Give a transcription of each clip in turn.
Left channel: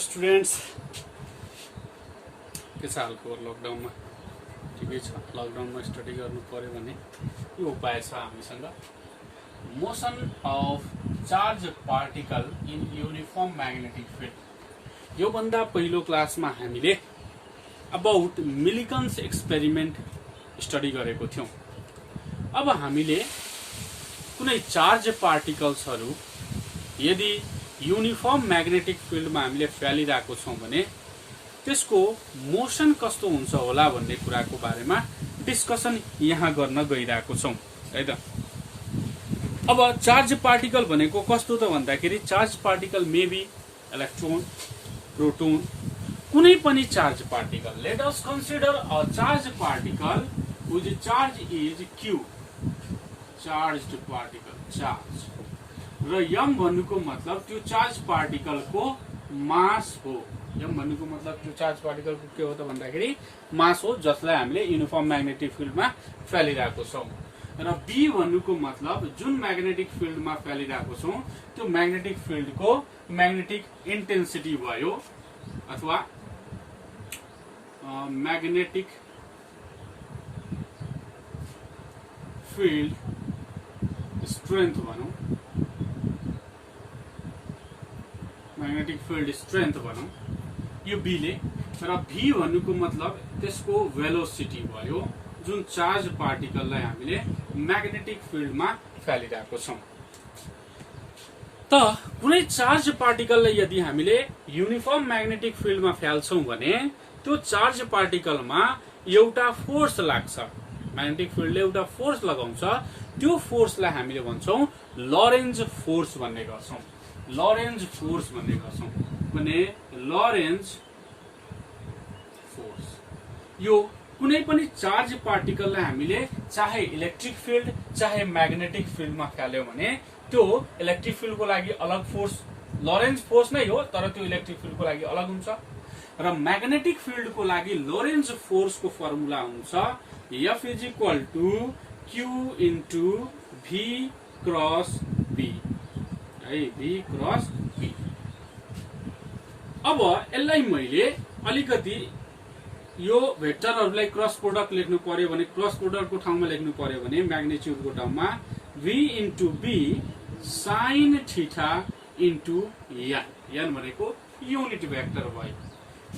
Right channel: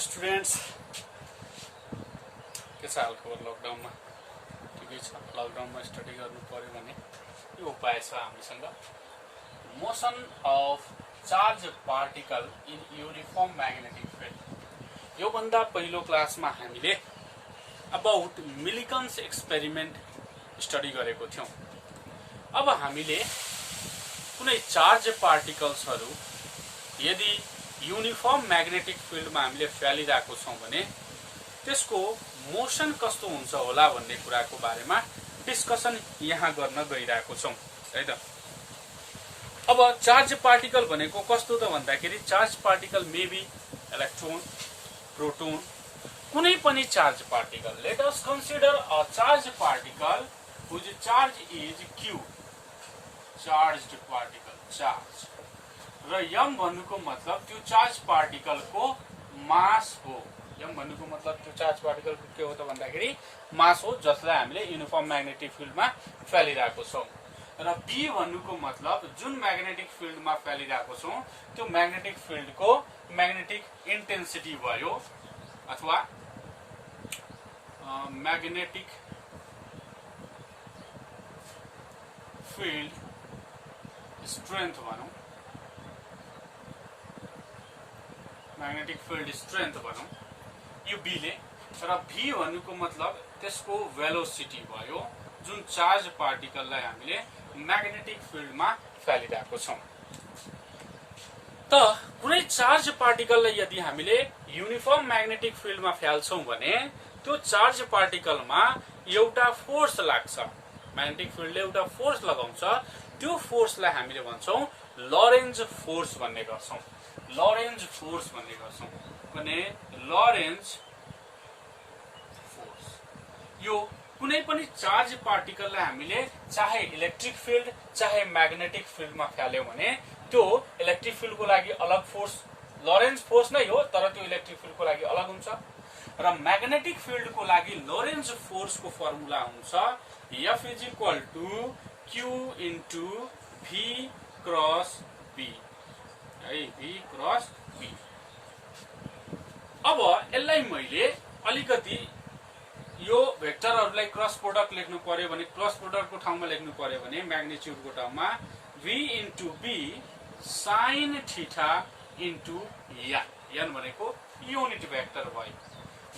Students के छ हालको लकडाउनमा ठिकै छ। लकडाउनमा स्टडी गर्नु पर्यो भने यो उपाय छ हामीसँग। Motion of charge particle in uniform magnetic field. यो भन्दा पहिलो क्लासमा हामीले अबाउट मिलिकन्स एक्सपेरिमेन्ट स्टडी गरेको थियौं। अब हामीले कुनै चार्ज पार्टिकल्सहरू यदि युनिफर्म म्याग्नेटिक फिल्डमा हामीले फ्यालिरहेको छौं भने त्यसको मोसन कस्तो हुन्छ होला भन्ने कुराको बारेमा डिस्कसन यहाँ गर्न गइरहेको छौं है त। अब चार्ज पार्टिकल भनेको कस्तो त भन्दाखेरि charge particle may be electron, proton, कुनै पनि charge particle. Let us consider a charge particle which charge is Q, charged particle charge, र यम भन्नुको मतलब त्यो चार्ज पार्टिकलको मास हो। यम भन्नुको मतलब त्यो चार्ज पार्टिकलको के हो त भन्दाखेरि मास हो, जसलाई हामीले युनिफर्म म्याग्नेटिक फिल्डमा फ्यालिरहेको छौं। र बी भन्नुको मतलब जुन म्याग्नेटिक फिल्डमा फ्यालिरहेको छौं त्यो म्याग्नेटिक फिल्डको म्याग्नेटिक इन्टेन्सिटी भयो अथवा म्याग्नेटिक फिल्ड स्ट्रेन्थ भनौं, म्याग्नेटिक फिल्ड स्ट्रेन्थ भनौं, यो बी ले। र भी भन्नुको मतलब त्यसको भेलोसिटी भयो जुन चार्ज पार्टिकललाई हामीले म्याग्नेटिक फिल्डमा फ्यालिरहेको छौं। त कुनै चार्ज पार्टिकललाई यदि हामीले युनिफर्म म्याग्नेटिक फिल्डमा फ्याल्छौं भने त्यो चार्ज पार्टिकलमा एउटा फोर्स लाग्छ। म्याग्नेटिक फिल्डले एउटा फोर्स लगाउँछ, त्यो फोर्सलाई हामीले भन्छौं लरेन्ज फोर्स भन्ने गर्छौं। लरेन्ज फोर्स भन्ने गर्छौं भने लरेन्ज फोर्स यो कुनै पनि चार्ज पार्टिकललाई हामीले चाहे इलेक्ट्रिक फिल्ड चाहे म्याग्नेटिक फिल्डमा फ्याल्यौं भने त्यो इलेक्ट्रिक फिल्डको लागि अलग फोर्स लरेन्ज फोर्स नै हो, तर त्यो इलेक्ट्रिक फिल्डको लागि अलग हुन्छ। र म्याग्नेटिक फिल्डको लागि लोरेन्ज फोर्सको फर्मुला हुन्छ F is equal to Q into V cross B, V cross B। अब यसलाई मैले अलिकति यो भेक्टरहरूलाई क्रस प्रोडक्ट लेख्नु पर्यो भने क्रस प्रोडक्टको ठाउँमा लेख्नु पर्यो भने म्याग्निट्युडको ठाउँमा V into B sine theta into n भनेको युनिट भेक्टर भयो।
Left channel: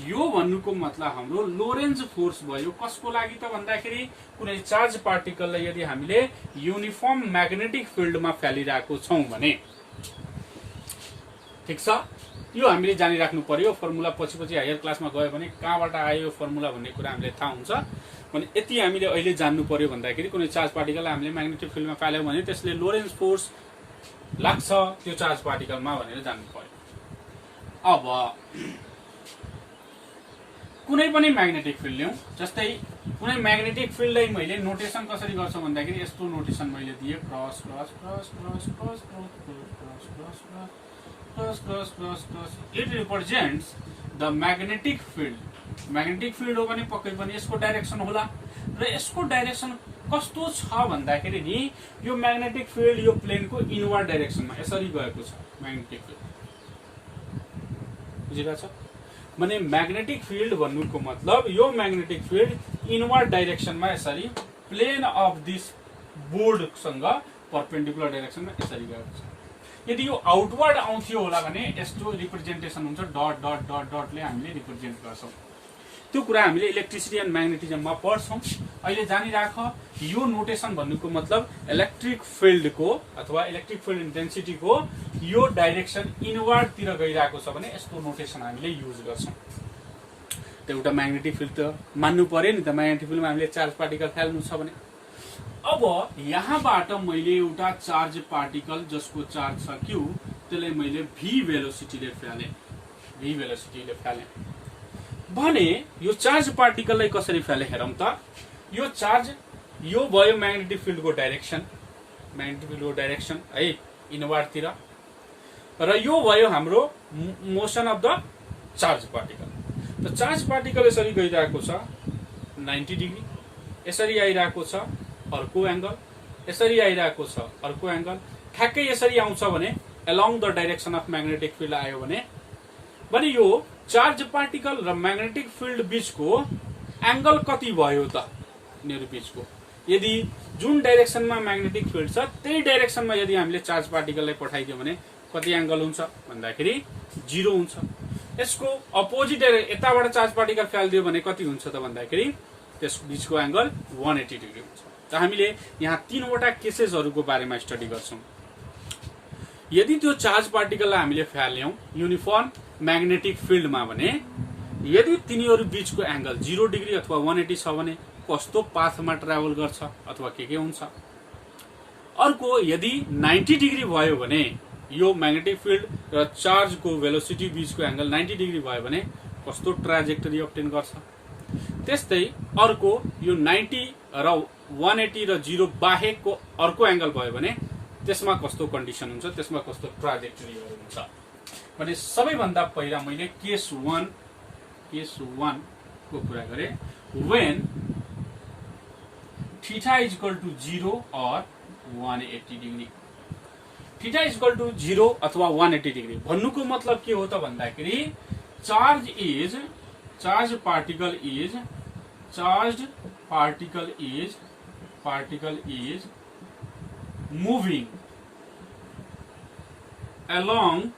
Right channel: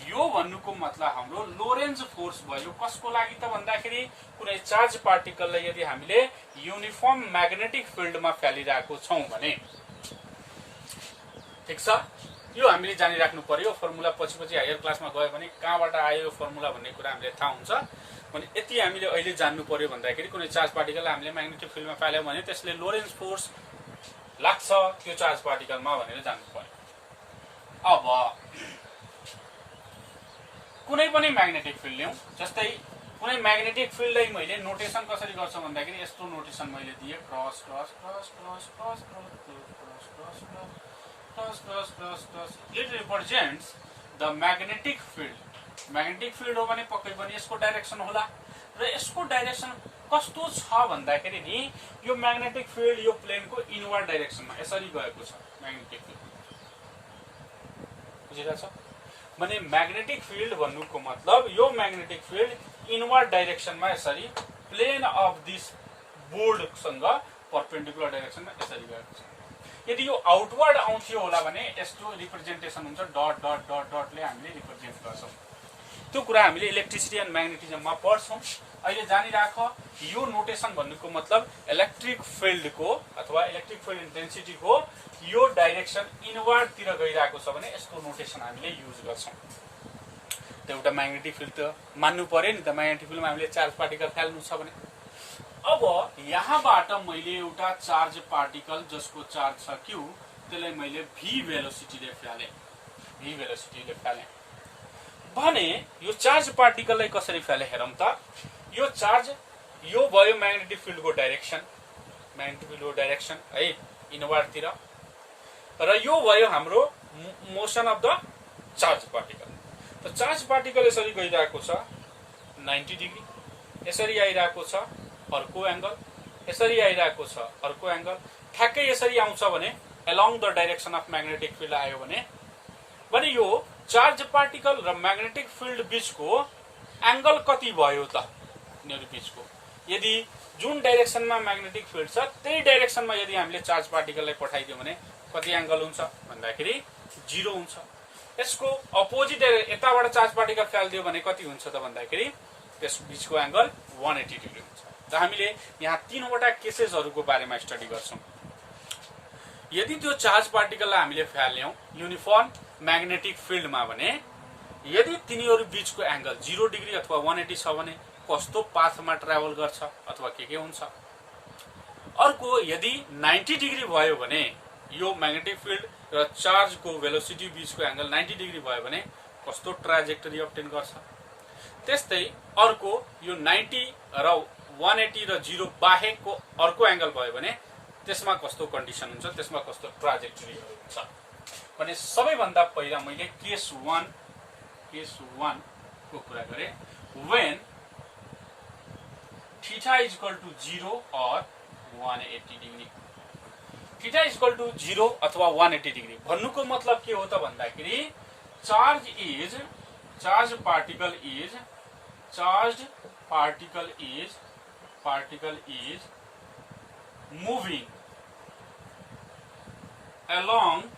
यो भन्नुको मतलब हाम्रो लोरेन्ज फोर्स भयो। कसको लागि त भन्दाखेरि कुनै चार्ज पार्टिकललाई यदि हामीले युनिफर्म म्याग्नेटिक फिल्डमा फ्यालिरहेको छौं भने। ठीक छ, यो हामीले जानिराख्नु पर्यो। फर्मुला पछि हायर क्लासमा गयो भने कहाँबाट आयो यो फर्मुला भन्ने कुरा हामीले थाहा हुन्छ भने यति हामीले अहिले जान्नु पर्यो भन्दाखेरि कुनै चार्ज पार्टिकललाई हामीले म्याग्नेटिक फिल्डमा फ्याल्यौं भने त्यसले लोरेन्ज फोर्स लाग्छ त्यो चार्ज पार्टिकलमा भनेर जान्नु पर्यो। अब कुनै पनि म्याग्नेटिक फिल्ड लिउँ, जस्तै कुनै म्याग्नेटिक फिल्डलाई मैले नोटेसन कसरी गर्छु भन्दाखेरि यस्तो नोटेसन मैले दिए cross cross cross cross cross cross cross cross cross cross cross. It represents the magnetic field. Magnetic field हो भने पक्कै पनि यसको डाइरेक्सन होला, र यसको डाइरेक्सन कस्तो छ भन्दाखेरि नि यो म्याग्नेटिक फिल्ड यो प्लेनको इनवर्ड डाइरेक्सनमा यसरी गएको छ। म्याग्नेटिक फिल्ड बुझिरहेछ भने म्याग्नेटिक फिल्ड भन्नुको मतलब यो म्याग्नेटिक फिल्ड इनवर्ड डाइरेक्सनमा यसरी प्लेन अफ दिस बोर्डसँग पर्पेन्डिकुलर डाइरेक्सनमा यसरी गएको छ। यदि यो आउटवर्ड आउँथ्यो होला भने यस्तो रिप्रेजेन्टेसन हुन्छ, डट डट डट डटले हामीले रिप्रेजेन्ट गर्छौं। त्यो कुरा हामीले इलेक्ट्रिसिटी एन्ड म्याग्नेटिजममा पढ्छौं। अहिले जानिराख यो नोटेसन भन्नुको मतलब इलेक्ट्रिक फिल्डको अथवा इलेक्ट्रिक फिल्ड इन्टेन्सिटीको यो डाइरेक्सन इनवर्डतिर गइरहेको छ भने यसको नोटेसन हामीले युज गर्छौं। त एउटा म्याग्नेटिक फिल्ड त मान्नु पर्यो नि त, म्याग्नेटिक फिल्डमा हामीले चार्ज पार्टिकल फ्याल्नु छ भने। अब यहाँबाट मैले एउटा चार्ज पार्टिकल जसको चार्ज छ Q त्यसलाई मैले V भेलोसिटीले फ्याले, V भेलोसिटीले फ्याले भने यो चार्ज पार्टिकललाई कसरी फ्याले हेरौं त। यो चार्ज यो भयो म्याग्नेटिक फिल्डको डाइरेक्सन, म्याग्नेटिक फिल्डको डाइरेक्सन है इनवर्डतिर, र यो भयो हाम्रो motion of the charge particle. त चार्ज पार्टिकल यसरी गइरहेको छ 90 डिग्री, यसरी आइरहेको छ अर्को एंगल, यसरी आइरहेको छ अर्को एंगल, ठ्याक्कै यसरी आउँछ भने along the direction of magnetic field आयो भने भने यो चार्ज पार्टिकल र म्याग्नेटिक फिल्ड बीचको एंगल कति भयो त यिनीहरु बीचको? यदि जुन डाइरेक्सनमा म्याग्नेटिक फिल्ड छ त्यही डाइरेक्सनमा यदि हामीले चार्ज पार्टिकललाई पठाइदियो भने कति एंगल हुन्छ भन्दाखेरि 0 हुन्छ। यसको अपोजिट यताबाट चार्ज पार्टिकल फ्यालिदियो भने कति हुन्छ त भन्दाखेरि त्यस बीचको एंगल 180 डिग्री हुन्छ। त हामीले यहाँ तीनवटा केसेसहरुको बारेमा स्टडी गर्छौं। यदि त्यो चार्ज पार्टिकललाई हामीले फ्याल्यौं युनिफर्म म्याग्नेटिक फिल्डमा भने यदि तिनीहरु बीचको एंगल 0 डिग्री अथवा 180 छ भने कस्तो पाथमा ट्राभल गर्छ अथवा के हुन्छ। अर्को यदि 90 डिग्री भयो भने यो म्याग्नेटिक फिल्ड र चार्ज को भेलोसिटी बीचको एंगल 90 डिग्री भयो भने कस्तो ट्राजेक्टरी अब्टेन गर्छ। त्यस्तै अर्को यो 90 र 180 र 0 बाहेकको अर्को एंगल भयो भने त्यसमा कस्तो कन्डिसन हुन्छ, त्यसमा कस्तो ट्राजेक्टरी हुन्छ भने सबैभन्दा पहिला मैले केस 1 को कुरा गरे। when theta is equal to 0 or 180 degree, theta is equal to 0 अथवा 180 डिग्री भन्नुको मतलब के हो त भन्दाखेरि charge particle is moving along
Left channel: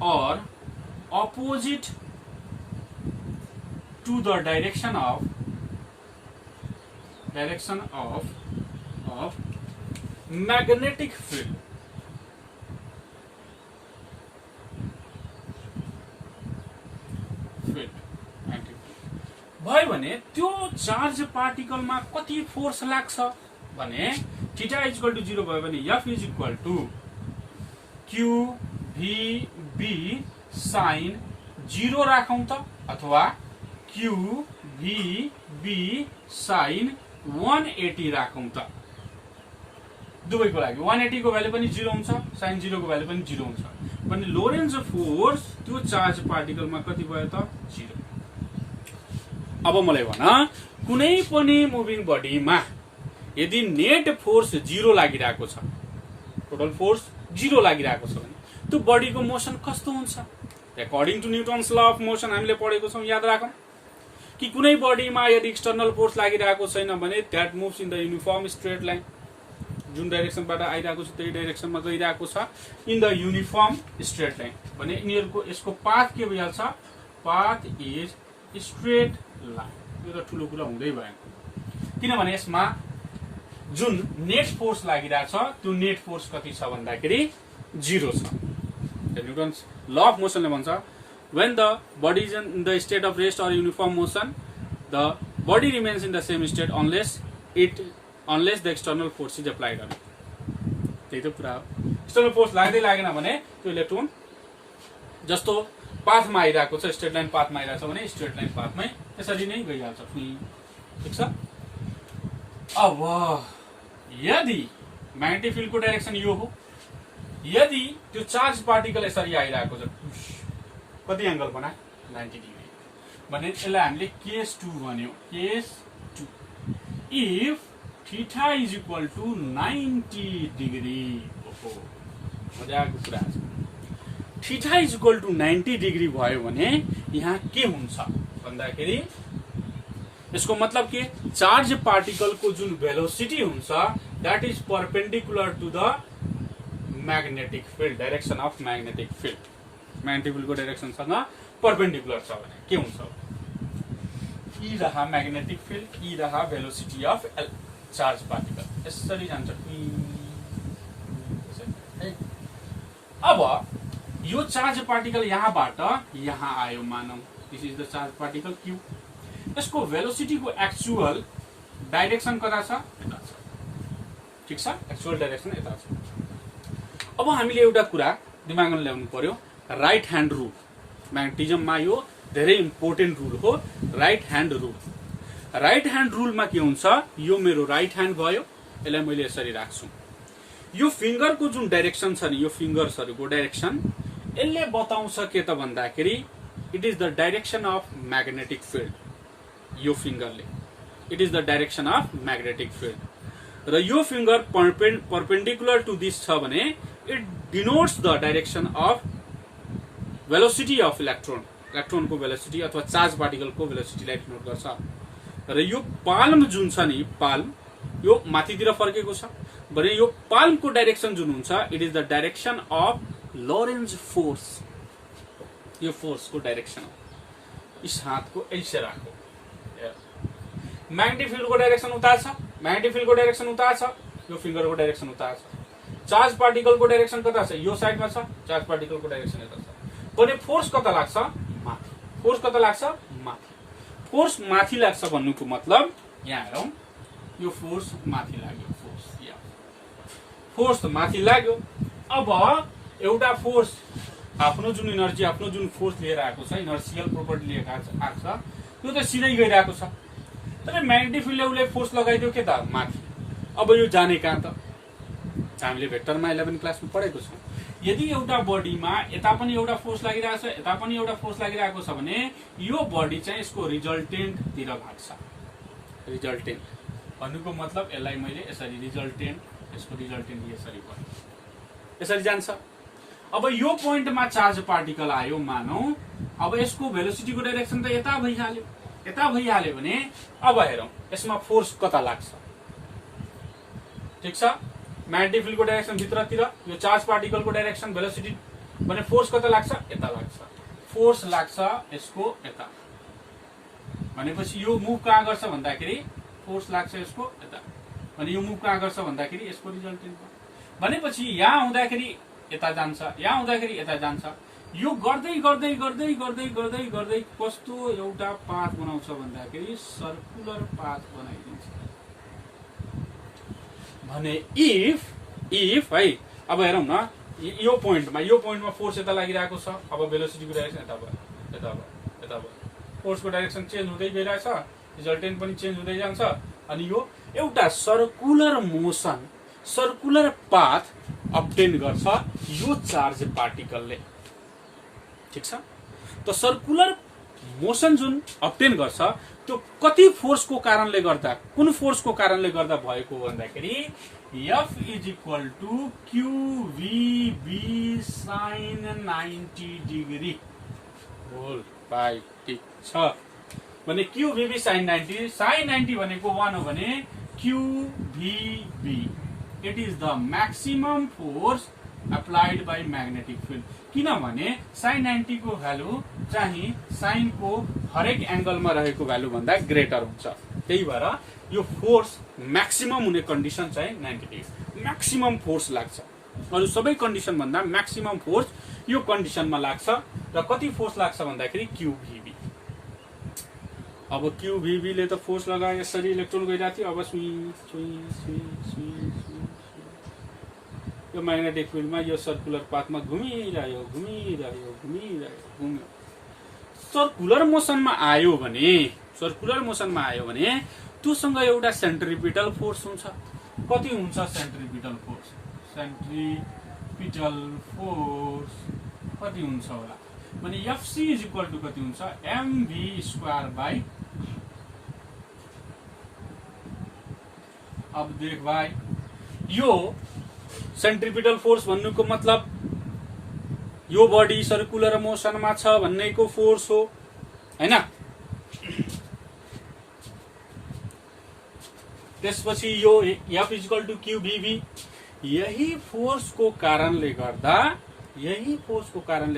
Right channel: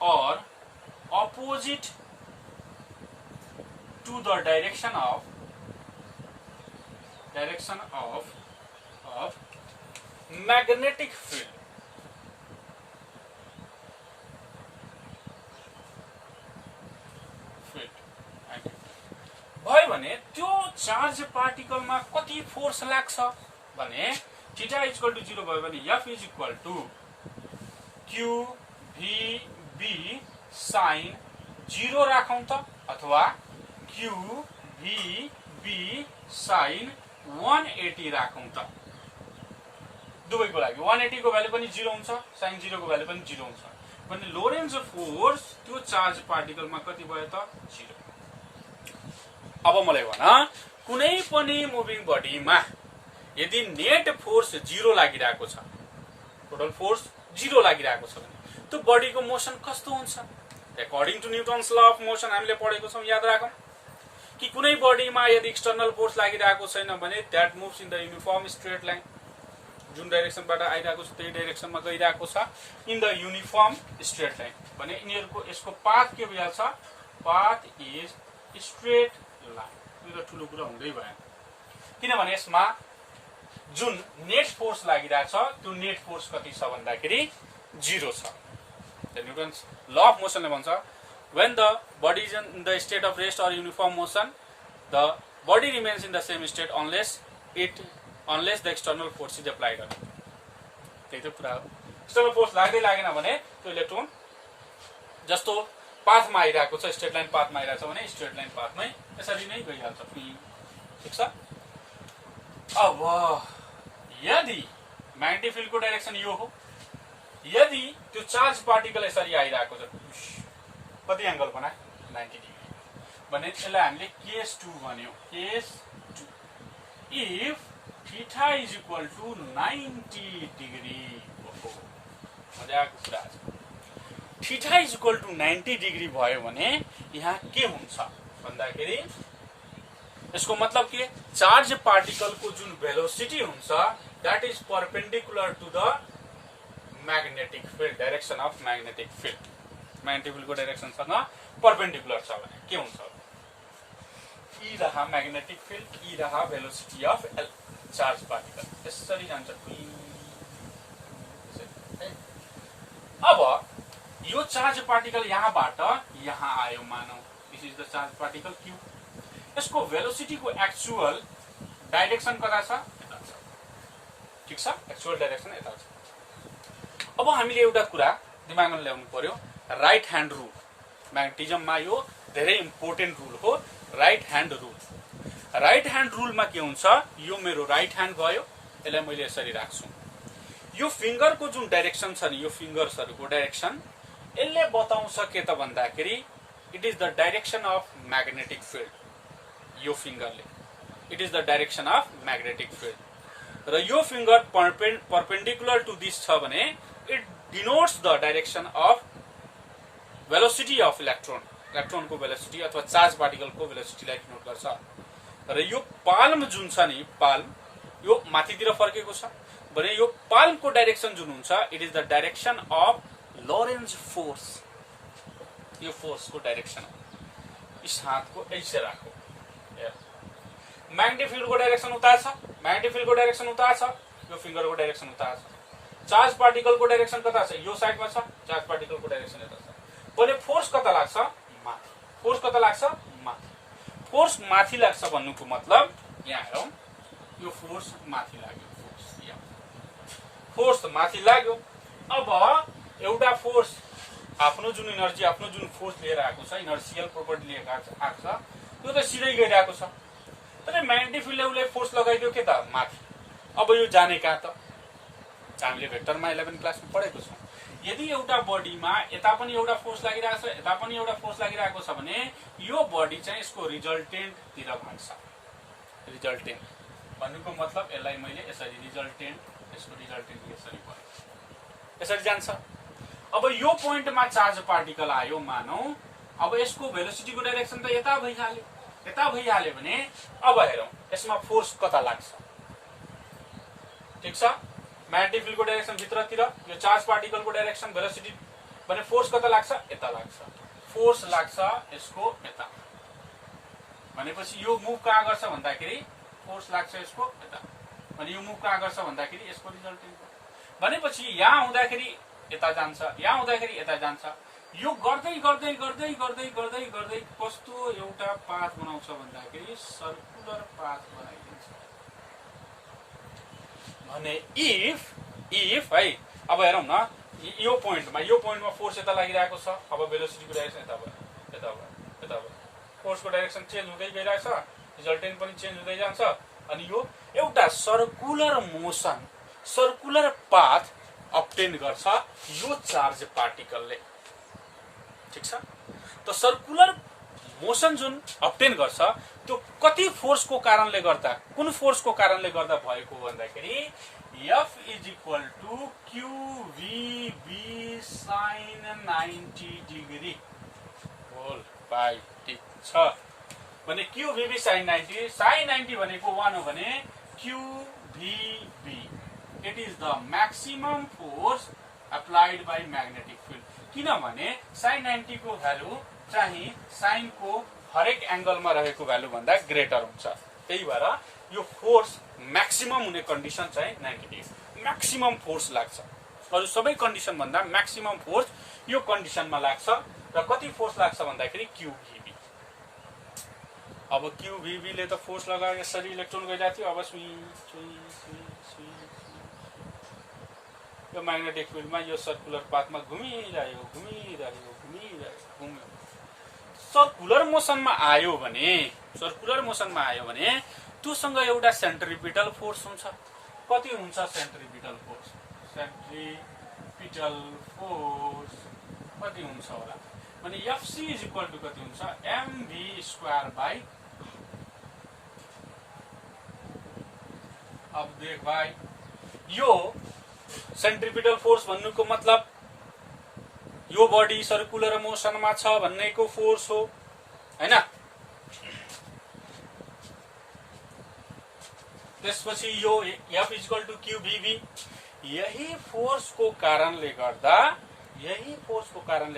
or opposite to the direction of magnetic field. भयो भने त्यो चार्ज पार्टिकलमा कति फोर्स लाग्छ भने थीटा इज इक्वल टू 0 भयो भने F is equal to Q V B sin 0 राखौं त अथवा Q V B sin 180 राखौं त। दुवैको लागि 180 को भ्यालु पनि 0 हुन्छ, sin 0 को भ्यालु पनि 0 हुन्छ भने लोरेन्ज फोर्स त्यो चार्ज पार्टिकलमा कति भयो त 0। अब मलाई भन कुनै पनि मुभिङ बडीमा यदि नेट फोर्स 0 लागिरहेको छ, टोटल फोर्स 0 लागिरहेको छ भने त्यो बडीको मोसन कस्तो हुन्छ? According to Newton's law of motion हामीले पढेको छौं, याद राखौं कि कुनै बडीमा यदि एक्सटर्नल फोर्स लागिरहेको छैन भने that moves in the uniform straight line, जुन डाइरेक्सनबाट आइरहेको छ त्यही डाइरेक्सनमा गइरहेको छ in the uniform straight line भने यिनीहरुको यसको पाथ के भइहाल्छ, पाथ इज स्ट्रेट लाइन। यो त ठूलो कुरा हुँदै भएन किनभने यसमा जुन नेट फोर्स लागिरहेछ त्यो नेट फोर्स कति छ भन्दाखेरि 0 छ। न्यूटन्स ल अफ मोसनले भन्छ when the body is in the state of rest or uniform motion the body remains in the same state unless the external force is applied on it। त्यही त कुरा हो, external force लाग्दै लागेन भने त्यो electron जस्तो पाथमा आइरहेको छ, स्ट्रेट लाइन पाथमा आइरहेको छ भने स्ट्रेट लाइन पाथमै यसरी नै गइहाल्छ, ठीक छ। अब यदि म्याग्नेटिक फिल्डको डाइरेक्सन यो हो, यदि त्यो चार्ज पार्टिकल यसरी आइरहेको छ कति एंगल बनाए 90 डिग्री भने यसलाई हामीले केस 2 भन्यौ। Case 2 if theta is equal to 90 degree, ओहो मजाको कुरा छ। Theta is equal to 90 degree भयो भने यहाँ के हुन्छ भन्दाखेरि यसको मतलब के, चार्ज पार्टिकल को जुन भेलोसिटी हुन्छ that is perpendicular to the magnetic field, direction of magnetic field. Magnetic field को डाइरेक्सन सँग परपेंडिकुलर छ भने के हुन्छ, ई रहा मैग्नेटिक फील्ड, ई रहा भेलोसिटी अफ चार्ज पार्टिकल, यसरी जान्छ। अब यो चार्ज पार्टिकल यहाँबाट यहाँ आयो मानौ, this is the charge particle Q, यसको भेलोसिटी को एक्चुअल डाइरेक्सन कता छ, यता छ, ठीक छ, एक्चुअल डाइरेक्सन यता छ। अब हामीले एउटा कुरा दिमागमा ल्याउनु पर्यो, राइट ह्यान्ड रूल। म्याग्नेटिजममा यो धेरै इम्पोर्टेन्ट रूल हो, right hand rule. Right hand रूलमा के हुन्छ, यो मेरो राइट ह्यान्ड भयो, यसलाई मैले यसरी राख्छु, यो फिंगरको जुन डाइरेक्सन छ नि, यो फिंगर्सहरुको डाइरेक्सन यसले बताउँछ के त भन्दाखेरि it is the direction of magnetic field. यो फिंगरले it is the direction of magnetic field र यो फिंगर परपेंडिकुलर टू दिस छ भने it denotes the direction of velocity of इलेक्ट्रोनको भेलोसिटी अथवा चार्ज पार्टिकलको भेलोसिटीलाई डिनोट गर्छ। र यो पाल्म जुन छ नि, पाल्म यो माथितिर फर्केको छ भने यो पाल्मको डाइरेक्सन जुन हुन्छ, it is the direction of Lorentz force. यो फोर्सको डाइरेक्सन हो। इस हातको ऐसे राखो। म्याग्नेटिक फिल्डको डाइरेक्सन उता छ, म्याग्नेटिक फिल्डको डाइरेक्सन उता छ, यो फिंगरको डाइरेक्सन उता छ। चार्ज पार्टिकलको डाइरेक्सन कता छ? यो साइडमा छ। चार्ज पार्टिकलको डाइरेक्सन यता छ। भने फोर्स कता लाग्छ? माथि। फोर्स कता लाग्छ? माथि। फोर्स माथि लाग्छ भन्नुको मतलब यहाँ हेरौं, यो फोर्स माथि लाग्यो। फोर्स माथि लाग्यो। अब एउटा फोर्स आफ्नो जुन इनर्जी, आफ्नो जुन फोर्स लिएर आएको छ, इनर्शियल प्रोपर्टी लिएर आएको छ, त्यो त सिधै गइरहेको छ। तर म्याग्नेटिक फिल्डले उसले फोर्स लगाइदियो के त? माथि। अब यो जाने कहाँ त? हामीले भेक्टरमा 11 क्लासमा पढेको छौं। यदि एउटा बडीमा यता पनि एउटा फोर्स लागिरहेको छ, यता पनि एउटा फोर्स लागिरहेको छ भने यो बडी चाहिँ यसको रिजल्टेन्ट तिर भाग्छ। रिजल्टेन्ट भन्नुको मतलब यसलाई मैले यसरी रिजल्टेन्ट, यसको रिजल्टेन्ट यसरी भयो, यसरी जान्छ। अब यो पोइन्टमा चार्ज पार्टिकल आयो मानौ। अब यसको भेलोसिटीको डाइरेक्सन त यता भइहाल्यो। यता भइहाल्यो भने अब हेरौं यसमा फोर्स कता लाग्छ। ठीक छ, म्याग्नेटिक फिल्डको डाइरेक्सन भित्रतिर, यो चार्ज पार्टिकलको डाइरेक्सन भेलोसिटी भने फोर्स कता लाग्छ? यता लाग्छ। फोर्स लाग्छ यसको यता। भनेपछि यो मुभ कहाँ गर्छ भन्दाखेरि फोर्स लाग्छ यसको यता। अनि यो मुभ कहाँ गर्छ भन्दाखेरि यसको रिजल्टेन्ट। भनेपछि यहाँ आउँदाखेरि यता जान्छ, यहाँ आउँदाखेरि यता जान्छ। यो गर्दै गर्दै गर्दै गर्दै गर्दै गर्दै कस्तो एउटा पाथ बनाउँछ भन्दाखेरि सर्कुलर पाथ बनाइदिन्छ। भने इफ है, अब हेरौं न, यो पोइन्टमा फोर्स यता लागिरहेको छ। अब भेलोसिटीको डाइरेक्सन यता भयो, यता भयो, यता भयो। फोर्सको डाइरेक्सन चेन्ज हुँदै गइरहेछ, रिजल्टेन्ट पनि चेन्ज हुँदै जान्छ। अनि यो एउटा circular motion, circular path obtain गर्छ यो चार्ज पार्टिकलले। ठीक छ, त सर्कुलर मोसन जुन अब्टेन गर्छ त्यो कति फोर्सको कारणले गर्दा, कुन फोर्सको कारणले गर्दा भएको भन्दाखेरि F is equal to QVB sin 90 degree whole by. ठीक छ, भने QVB sin 90, sin 90 भनेको 1 हो भने QVB it is the maximum force applied by magnetic field. किनभने sin 90 को भ्यालु चाहिँ sin को हरेक एंगलमा रहेको भ्यालु भन्दा ग्रेटर हुन्छ। त्यही भएर यो फोर्स मैक्सिमम हुने कन्डिसन चाहिँ 90 डिग्री। मैक्सिमम फोर्स लाग्छ। अरु सबै कन्डिसन भन्दा मैक्सिमम फोर्स यो कन्डिसनमा लाग्छ। र कति फोर्स लाग्छ भन्दाखेरि QVB। अब QVB ले त फोर्स लगाए यसरी इलेक्ट्रोन गइरहेको थियो। अब यो म्याग्नेटिक फिल्डमा यो सर्कुलर पाथमा घुमिरह्यो। सर्कुलर मोसनमा आयो भने त्योसँग एउटा सेन्ट्रिपिटल फोर्स हुन्छ। कति हुन्छ सेन्ट्रिपिटल फोर्स? सेन्ट्रिपिटल फोर्स कति हुन्छ होला भने FC इज इक्वल टू कति हुन्छ? mv square by. अब देख भाइ, यो सेन्ट्रिपिटल फोर्स भन्नुको मतलब यो बडी सर्कुलर मोसनमा छ भन्नेको फोर्स हो, हैन? त्यसपछि यो F is equal to QVB। यही फोर्सको कारणले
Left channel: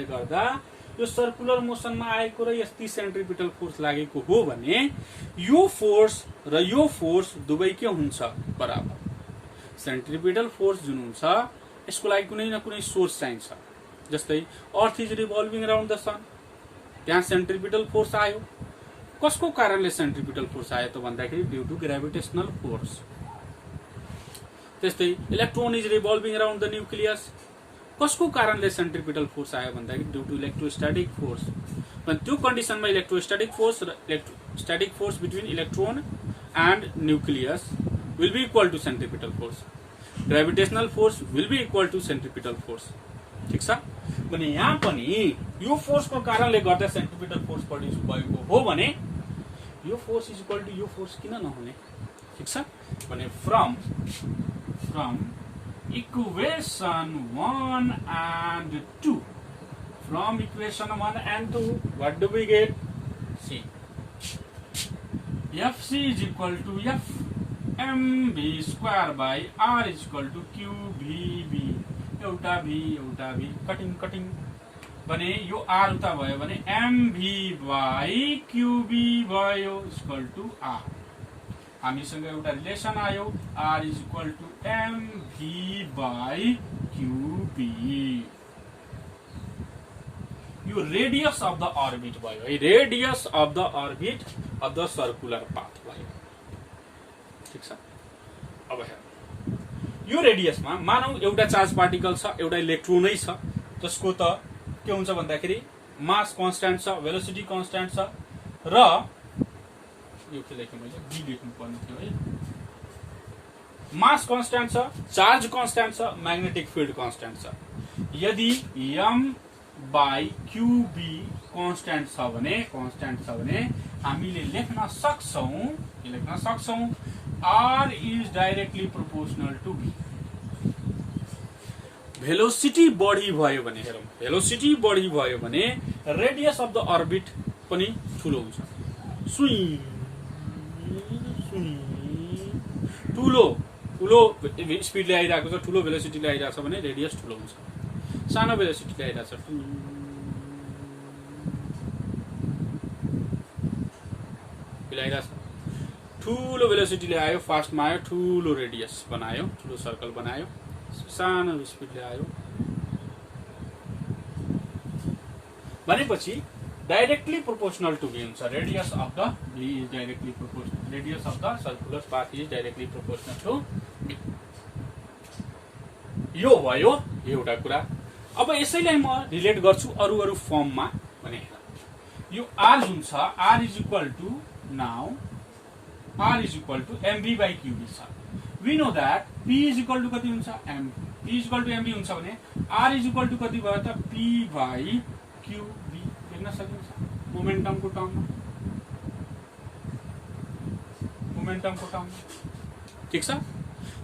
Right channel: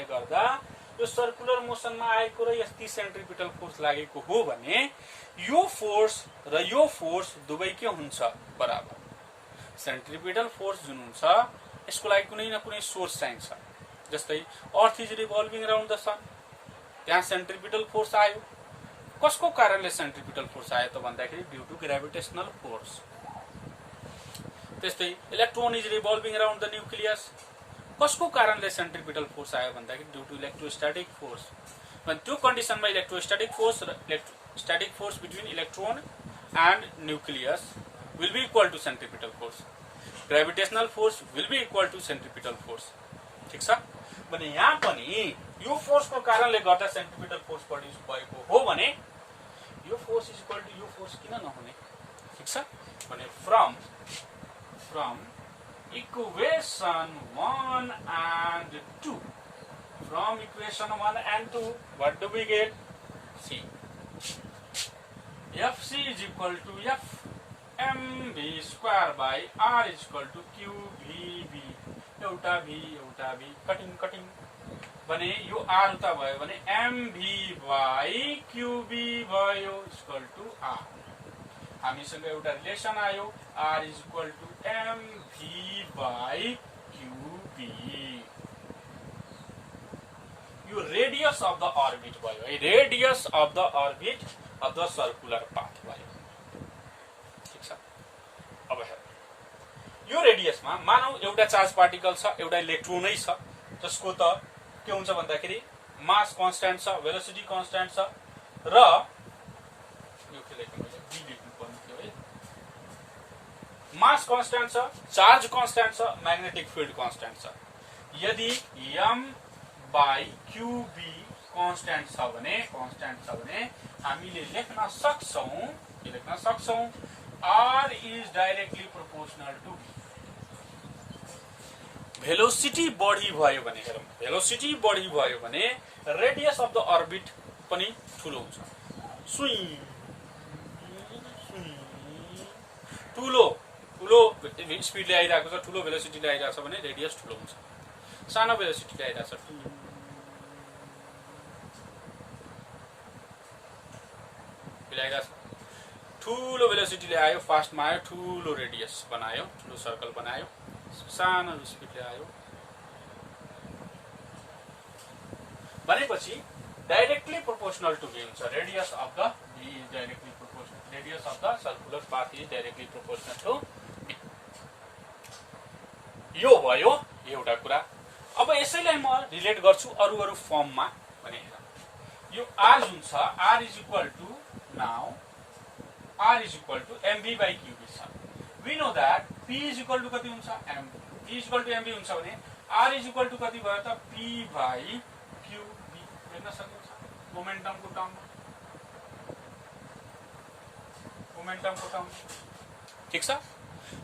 गर्दा यो सर्कुलर मोसनमा आएको र यस्तै सेन्ट्रिपिटल फोर्स लागेको हो भने यो फोर्स र यो फोर्स दुवै के हुन्छ? बराबर। सेन्ट्रिपिटल फोर्स जुन हुन्छ यसको लागि कुनै न कुनै सोर्स चाहिन्छ। जस्तै earth is revolving around the sun, त्यहाँ सेन्ट्रिपिटल फोर्स आयो। कसको कारणले सेन्ट्रिपिटल फोर्स आयो त भन्दाखेरि ड्यू टू ग्रेभिटेशनल फोर्स। त्यस्तै electron is revolving around the nucleus, कसको कारणले सेन्ट्रिपिटल फोर्स आयो भन्दाखेरि ड्यू टू इलेक्ट्रोस्टैटिक फोर्स। भने त्यो कन्डिसनमा इलेक्ट्रोस्टैटिक फोर्स र electrostatic force between electron and nucleus will be equal to centripetal force. Gravitational force will be equal to centripetal force. ठीक छ? भने यहाँ पनि यो फोर्सको कारणले गर्दा सेन्ट्रिपिटल फोर्स प्रोड्युस भएको हो भने यो फोर्स इज इक्वल टू यो फोर्स किन नहुने? ठीक छ? भने from equation 1 and 2 From equation 1 and 2, what do we get? C. Fc is equal to F mv square by R is equal to QVB. एउटा V कटिङ भने यो R उता भयो भने mv by QB भयो इक्वल टु R. हामीसँग एउटा relation आयो R is equal to mv by QB. यो रेडियस अफ द अर्बिट भयो है, radius of the orbit of the circular path भयो. ठीक छ. अब हेर यो रेडियसमा मानौ एउटा चार्ज पार्टिकल छ, एउटा इलेक्ट्रोनै छ, जसको त के हुन्छ भन्दाखेरि मास कन्स्ट्यान्ट छ, भेलोसिटी कन्स्ट्यान्ट छ र यो के लेखेँ मैले बी लेख्नु पर्ने थियो है. मास कन्स्ट्यान्ट छ, चार्ज कन्स्ट्यान्ट छ, म्याग्नेटिक फिल्ड कन्स्ट्यान्ट छ. यदि m बाई क्यूबी कन्स्ट्यान्ट छ भने हामीले लेख्न सक्छौं R is directly proportional to B. Velocity बढी भयो भने हेरौं, भेलोसिटी बढी भयो भने रेडियस अफ द अर्बिट पनि ठूलो हुन्छ. ठूलो स्पिडले आइरहेको छ, ठूलो भेलोसिटीले आइरहेको छ भने रेडियस ठूलो हुन्छ. सानो भेलोसिटीले आइरहेको छ ठूलो भेलोसिटीले आयो, फास्टमा आयो, ठूलो रेडियस बनायो, ठूलो सर्कल बनायो, सानो स्पिडले आयो भनेपछि डाइरेक्टली प्रोपोर्शनल टु V हुन्छ. Radius of the V is directly proportional, radius of the circular path is directly proportional to V. यो भयो एउटा कुरा. अब यसैलाई म रिलेट गर्छु अरु फर्ममा भने यो R जुन छ, R is equal to now R is equal to mv by qb छ. We know that P is equal to कति हुन्छ m, P is equal to mv हुन्छ भने R is equal to कति भयो त P by qb लेख्न सकिन्छ मोमेन्टमको टर्ममा. ठीक छ.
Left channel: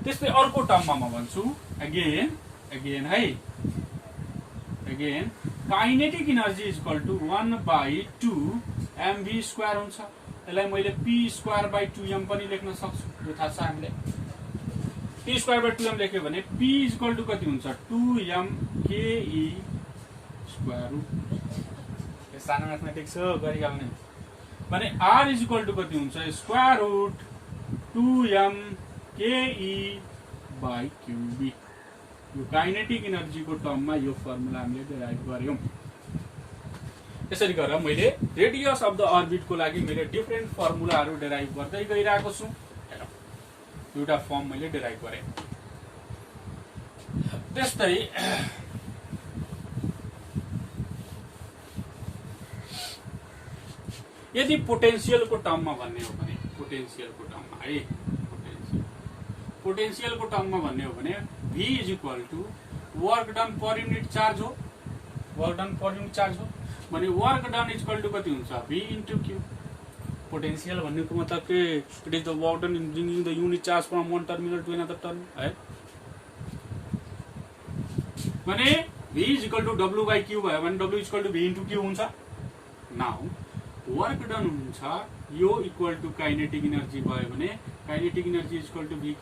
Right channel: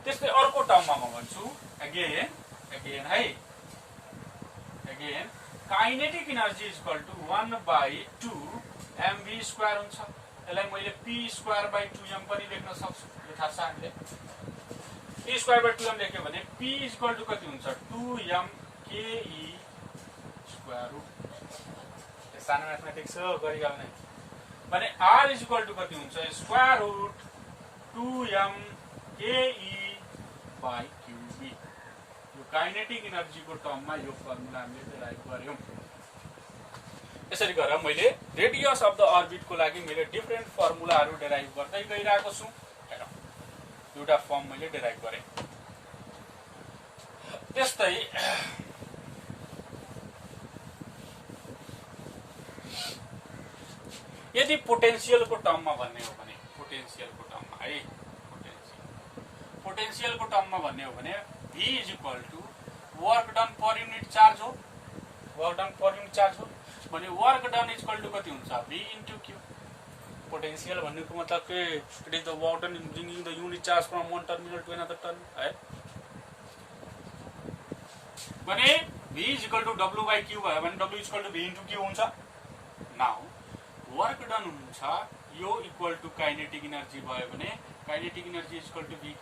त्यस्तै अर्को टर्ममा म भन्छु अगेन है, kinetic energy is equal to 1 by 2 mv square हुन्छ. यसलाई मैले p स्क्वायर बाई 2m पनि लेख्न सक्छु. यो थाहा छ हामीले p स्क्वायर बाई 2m लेख्यो भने p इज इक्वल टु कति हुन्छ 2m ke स्क्वायर रुट. यो सानो म्याथमेटिक्स हो, गरिहाल्ने भने r इज इक्वल टु कति हुन्छ square root 2m ke by qb. यो काइनेटिक एनर्जीको टर्ममा यो फर्मुला हामीले डेराइभ गर्यौं. यसरी गरेर मैले रेडियस अफ द अर्बिटको लागि मैले डिफरेन्ट फर्मुलाहरू डेराइभ गर्दै गइरहेको छु. एउटा फर्म मैले डेराइभ गरेँ. त्यस्तै यदि पोटेन्शियलको टर्ममा भन्ने हो भने पोटेन्शियलको टर्ममा भन्ने हो भने V is equal to work done per unit charge हो, भने work done is equal to कति हुन्छ V इन्टु Q. पोटेन्शियल भन्नुको मतलब के it is the work done in bringing the unit charge from one terminal to another terminal है. भने V is equal to W by Q भयो भने W is equal to V into Q हुन्छ. Now work done हुन्छ यो equal to kinetic energy भयो भने kinetic energy is equal to VQ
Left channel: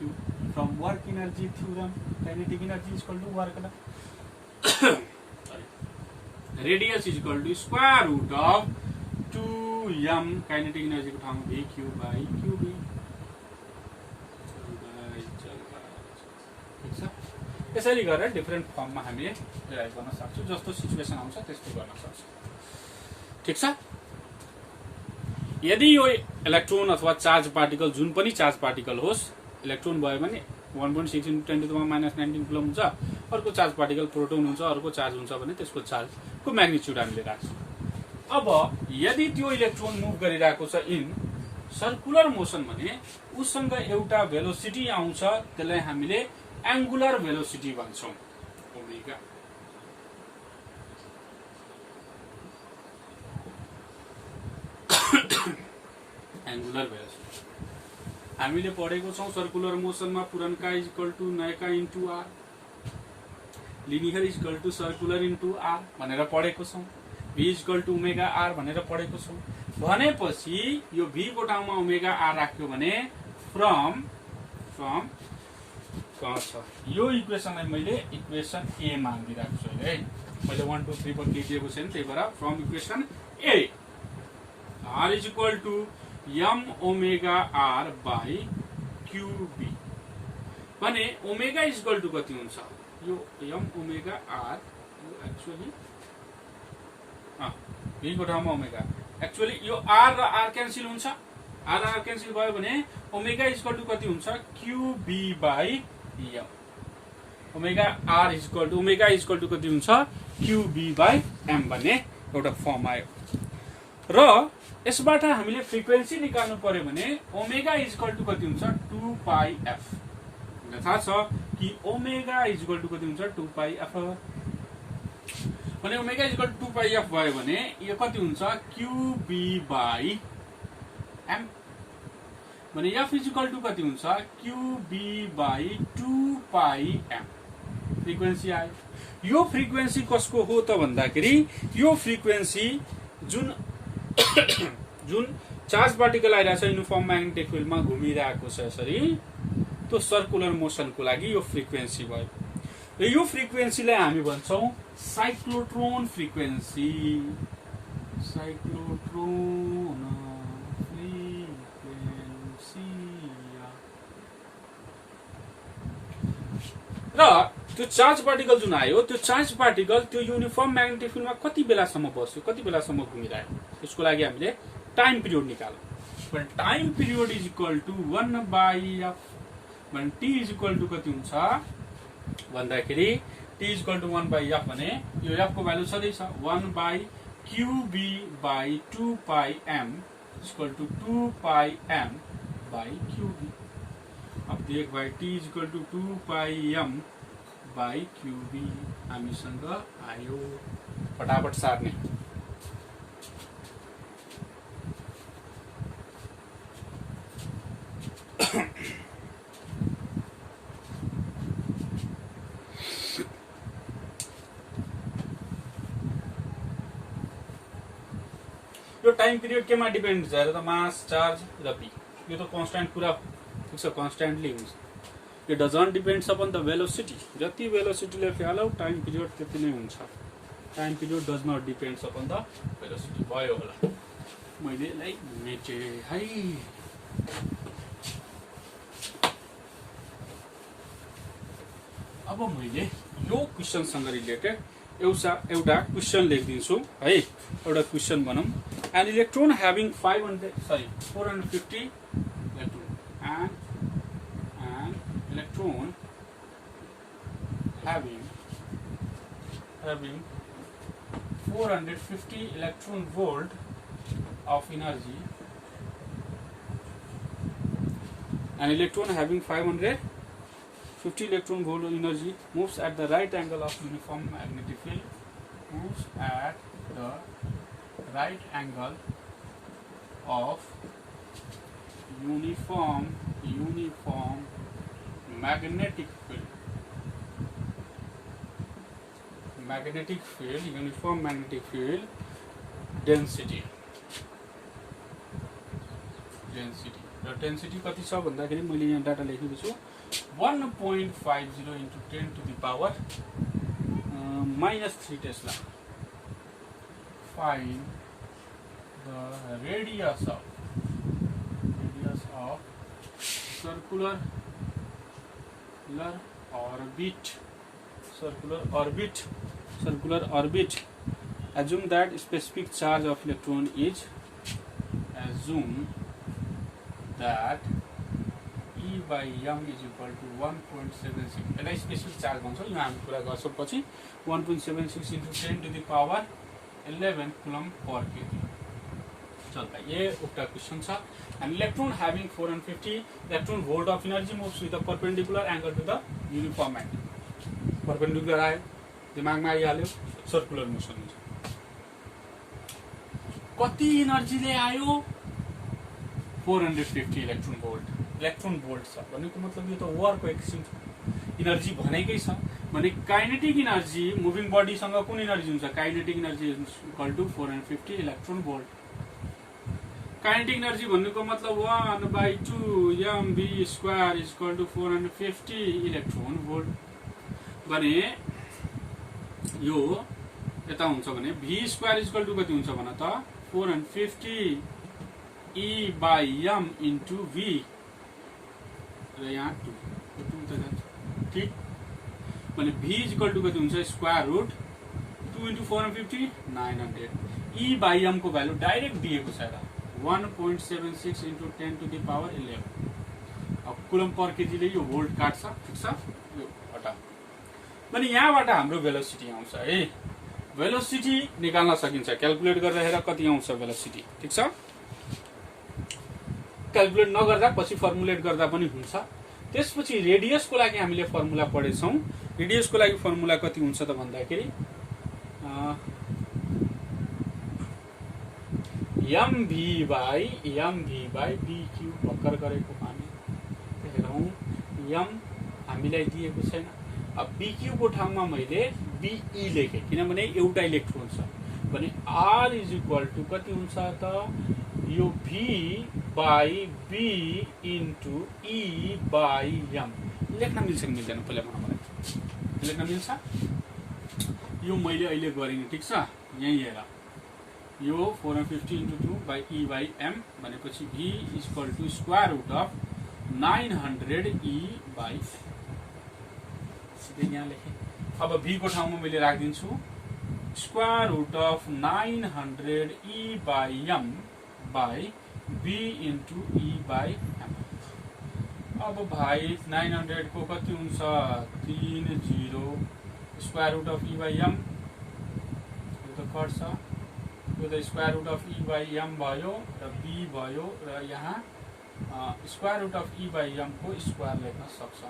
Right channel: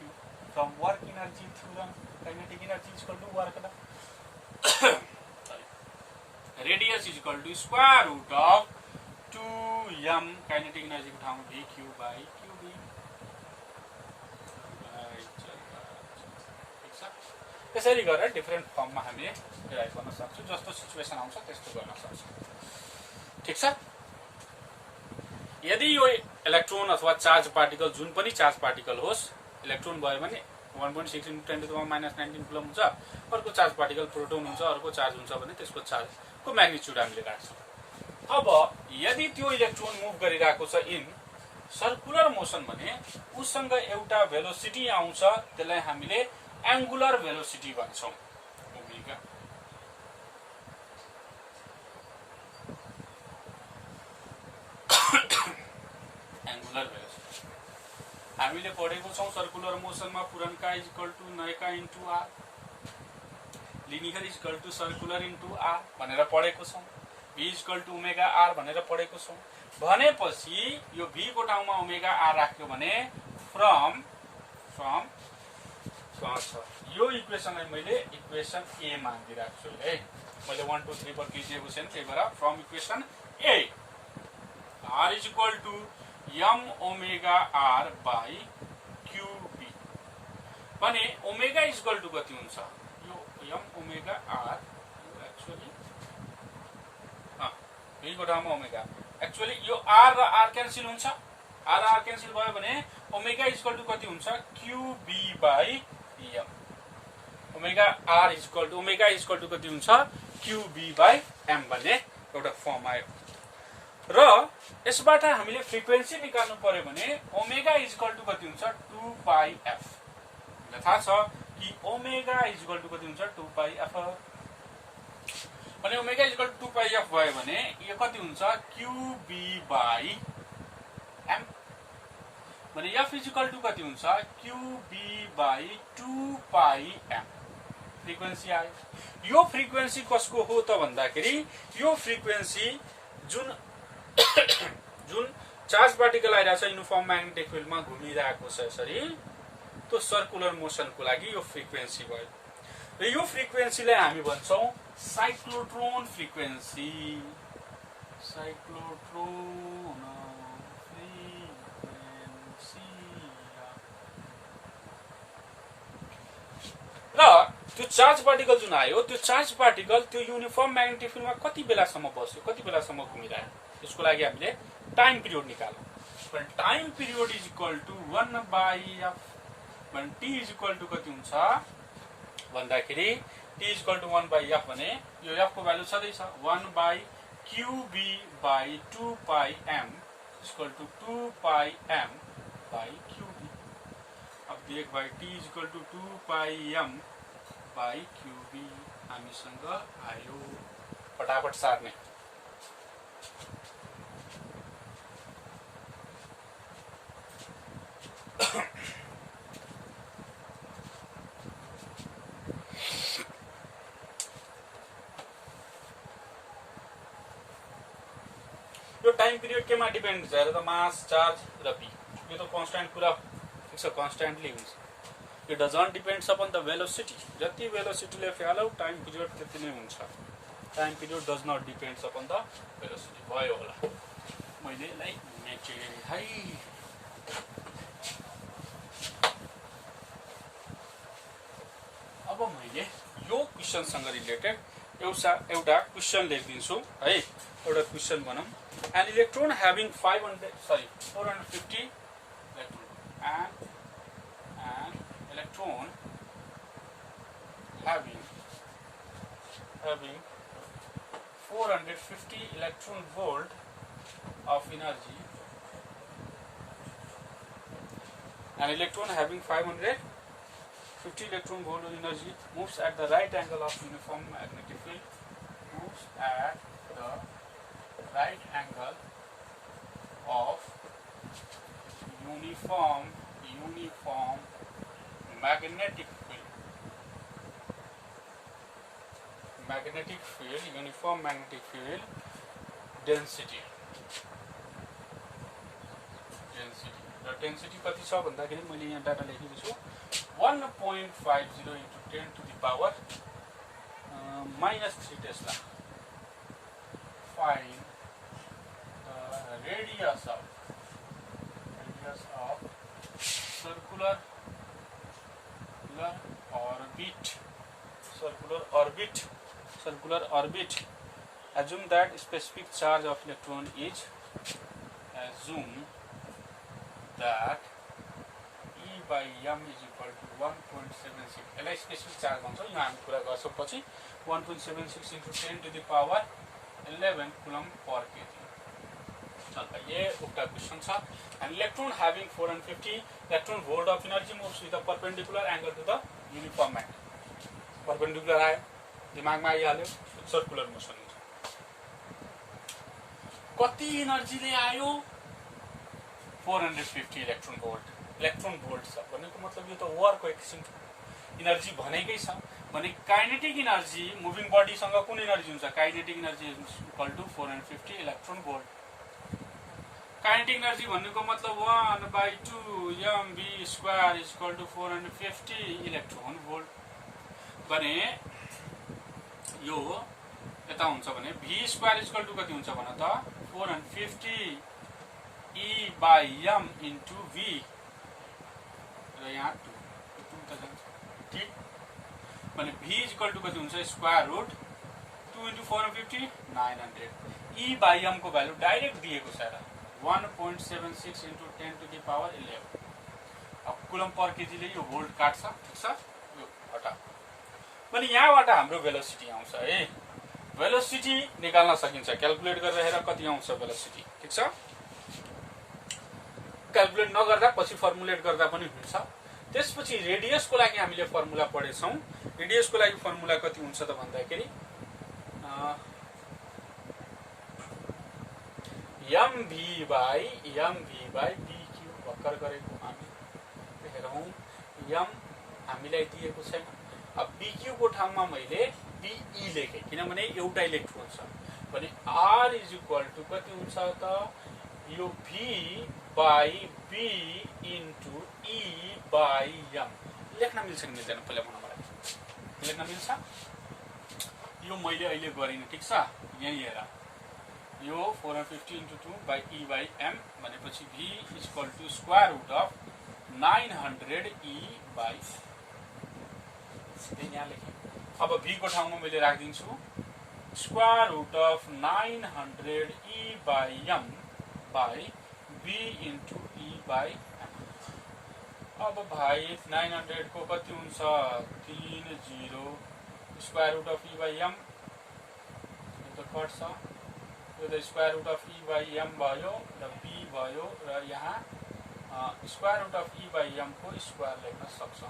from work energy theorem. Kinetic energy is equal to work done. Radius is equal to square root of 2m kinetic energy को ठाउँमा VQ by QB. ठीक छ. यसरी गरेर different फर्ममा हामीले derive गर्न सक्छौं. जस्तो सिचुएसन आउँछ त्यस्तो गर्न सक्छौं. ठीक छ. यदि यो इलेक्ट्रोन अथवा चार्ज पार्टिकल जुन पनि चार्ज पार्टिकल होस्, इलेक्ट्रोन भयो भने 1.6 × 10⁻19 कुलम हुन्छ, अर्को चार्ज पार्टिकल प्रोटोन हुन्छ, अर्को चार्ज हुन्छ भने त्यसको चार्जको म्याग्निट्युड हामीले राख्छौं. अब यदि त्यो इलेक्ट्रोन मुभ गरिरहेको छ इन सर्कुलर मोसन भने उससँग एउटा भेलोसिटी आउँछ, त्यसलाई हामीले एंगुलर भेलोसिटी भन्छौं. ओमेगा एंगुलर भेलोसिटी हामीले पढेको छौं सर्कुलर मोसनमा पुरनका इज इक्वल टु नयका into R. Linear equal to circular into R भनेर पढेको छौँ, v equal to omega R भनेर पढेको छौँ। भनेपछि यो v को ठाउँमा ओमेगा आर राख्यो भने फ्रम कहाँ छ यो इक्वेसनलाई मैले इक्वेसन ए मानिदिरहेको छु है। मैले 1 2 3 4 दिएको छैन, त्यही भएर from equation A R is equal to M omega R by QB भने ओमेगा इज इक्वल टु कति हुन्छ यो M omega R actually v को ठाउँमा ओमेगा एक्चुअली यो आर र आर क्यान्सल हुन्छ, आर आर क्यान्सल भयो भने ओमेगा इज इक्वल टु कति हुन्छ QB by M. Omega R is equal to omega is equal to कति हुन्छ क्यूबी बाई एम भन्ने एउटा फर्म आयो। र यसबाट हामीले फ्रिक्वेन्सी निकाल्नु पर्यो भने ओमेगा इज इक्वल टु कति हुन्छ 2 पाई एफ। हामीलाई थाहा छ कि ओमेगा इज इक्वल टु कति हुन्छ 2 पाई एफ भने omega is equal to 2 pi F भयो भने यो कति हुन्छ क्यूबी बाई एम भने एफ इज इक्वल टु कति हुन्छ QB by 2 pi M. Frequency आयो। यो फ्रिक्वेन्सी कसको हो त भन्दाखेरि यो फ्रिक्वेन्सी जुन चार्ज पार्टिकल आइरहेछ युनिफर्म म्याग्नेटिक फिल्डमा घुमिरहेको छ यसरी त्यो सर्कुलर मोसनको लागि यो फ्रिक्वेन्सी भयो। र यो फ्रिक्वेन्सीलाई हामी भन्छौं साइक्लोट्रोन फ्रिक्वेन्सी। साइक्लोट्रोन फ्रिक्वेन्सी र त्यो चार्ज पार्टिकल जुन आयो त्यो चार्ज पार्टिकल त्यो युनिफर्म म्याग्नेटिक फिल्डमा कति बेलासम्म बस्यो, कति बेलासम्म घुमिरह्यो, त्यसको लागि हामीले टाइम पिरियड निकाल्यौं। But time period is equal to 1 by f. When t is equal to कति हुन्छ भन्दाखेरि t is equal to 1 by f भने यो f को भ्यालु छँदैछ 1 by qb by 2 pi m is equal to 2 pi m by qb। अब देख भाइ t is equal to 2 pi m by qb हामीसँग आयो। फटाफट सार्ने। यो टाइम पिरियड केमा डिपेन्ड हुन्छ हेर त मास चार्ज र पी यो त कन्स्ट्यान्ट कुरा हुन्छ कन्स्ट्यान्टली हुन्छ। यो doesn't depends upon the velocity. जति भेलोसिटीले फ्यालौ टाइम पिरियड त्यति नै हुन्छ। Time period does not depends upon the velocity. भयो होला मैले यसलाई मेटे है। अब मैले यो क्वेशनसँग रिलेटेड एउटा क्वेशन लेखिदिन्छु है। एउटा क्वेशन भनौं an electron having 450 electron and an electron having 450 electron volt of energy, an electron having 550 electron volt of energy moves at the right angle of uniform magnetic field, moves at the right angle of uniform magnetic field, uniform magnetic field density र density कति छ भन्दाखेरि मैले यहाँ data लेखेको छु 1.50 into 10 to the power -3 Tesla. Find the radius of circular orbit. Assume that specific charge of electron is E by m is equal to 1.76। यसलाई specific charge भन्छौं। यो हामी कुरा गर्छौं पछि 1.76 into 10 to the power 11 coulomb per kg चलता। ये उक्ता question छ। An electron having 450 electron volt of energy moves with a perpendicular angle to the uniform magnet। Perpendicular आयो दिमागमा आइहाल्यो सर्कुलर मोसन हुन्छ। कति एनर्जीले आयो 450 इलेक्ट्रोन भोल्ट छ भनेको मतलब यो त वर्कको एकछिन एनर्जी भनेकै छ। भने काइनेटिक इनर्जी मुभिङ बडीसँग कुन इनर्जी हुन्छ kinetic energy equal to 450 electron volt kinetic energy भन्नुको मतलब 1/2 mv square is equal to 450 electron volt भने यो यता हुन्छ भने v square is equal to कति हुन्छ भन त 450 E by m into v र यहाँ 2 ठीक भने v इज इक्वल टु कति हुन्छ square root 2 into 450 900 E by m को भ्यालु डाइरेक्ट दिएको छ र 1.76 into 10 to the power 11 अब कुलम पर केजीले यो भोल्ट काट्छ ठीक छ यो हटा भने यहाँबाट हाम्रो भेलोसिटी आउँछ है भेलोसिटी निकाल्न सकिन्छ क्याल्कुलेट गरेर हेर कति आउँछ भेलोसिटी ठीक छ क्याल्कुलेट नगर्दा पछि फर्मुलेट गर्दा पनि हुन्छ त्यसपछि रेडियसको लागि हामीले फर्मुला पढेछौं रेडियसको लागि फर्मुला कति हुन्छ त भन्दाखेरि mv by bq भर्खर गरेको हामी हेरौं m हामीलाई दिएको छैन अब bq को ठाउँमा मैले be लेखे किनभने एउटा इलेक्ट्रोन छ भने r इज इक्वल टु कति हुन्छ त यो v by b into e by m लेख्न मिल्छ कि मिल्दैन पहिला भन मलाई लेख्न मिल्छ यो मैले अहिले गरिन ठीक छ यही हेर यो 450 into 2 by e by m भनेपछि v is equal to square root of 900 e by सिधै यहाँ लेखेँ अब v को ठाउँमा मैले राख्दिन्छु square root of 900 e by m by b into e by m अब भाइ 900 को कति हुन्छ 30 square root of e by m यो त कट्छ यो त square root of e by m भयो र b भयो र यहाँ square root of e by m को स्क्वायर लेख्न सक्छ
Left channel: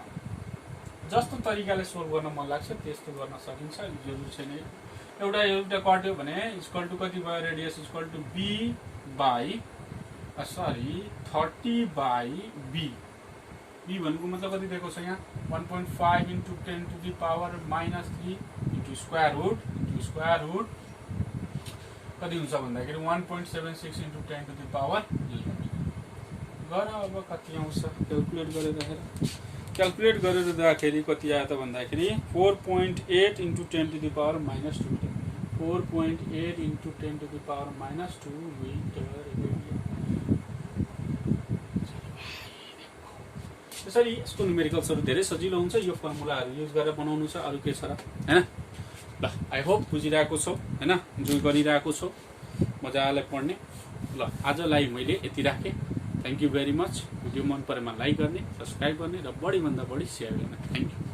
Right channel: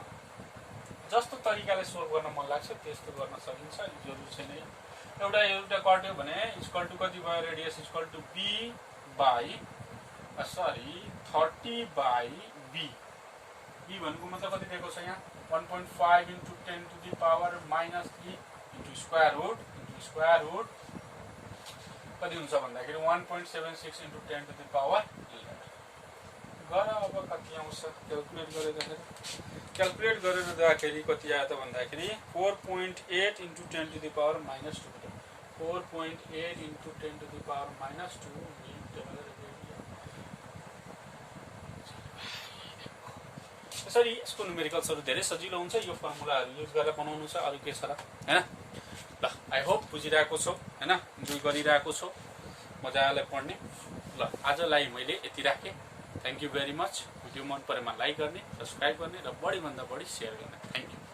जस्तो तरिकाले सोल्भ गर्न मन लाग्छ त्यस्तो गर्न सकिन्छ जरुरी छैन एउटा कट्यो भने इक्वल टु कति भयो radius equal to b by 30 by b b भनेको मतलब कति दिएको छ यहाँ 1.5 into 10 to the power -3 into square root कति हुन्छ भन्दाखेरि 1.76 into 10 to the power 11 गर अब कति आउँछ क्याल्कुलेट गरेर हेर क्याल्कुलेट गरेर दाखेरि कति आयो त भन्दाखेरि 4.8 into 10 to the power -2 4.8 into 10 to the power -2 metre radian त्यसरी यसको न्युमेरिकल्सहरु धेरै सजिलो हुन्छ यो फर्मुलाहरु युज गरेर बनाउनु छ अरु के छ र हैन ल आई होप बुझिरहेको छौ हैन जो गरिरहेको छौ मजाले पढ्ने ल आजलाई मैले यति राखे thank you very much video मन परेमा लाइक गर्ने सब्स्क्राइब गर्ने र बढी भन्दा बढी शेयर गर्ने थ्यांक यू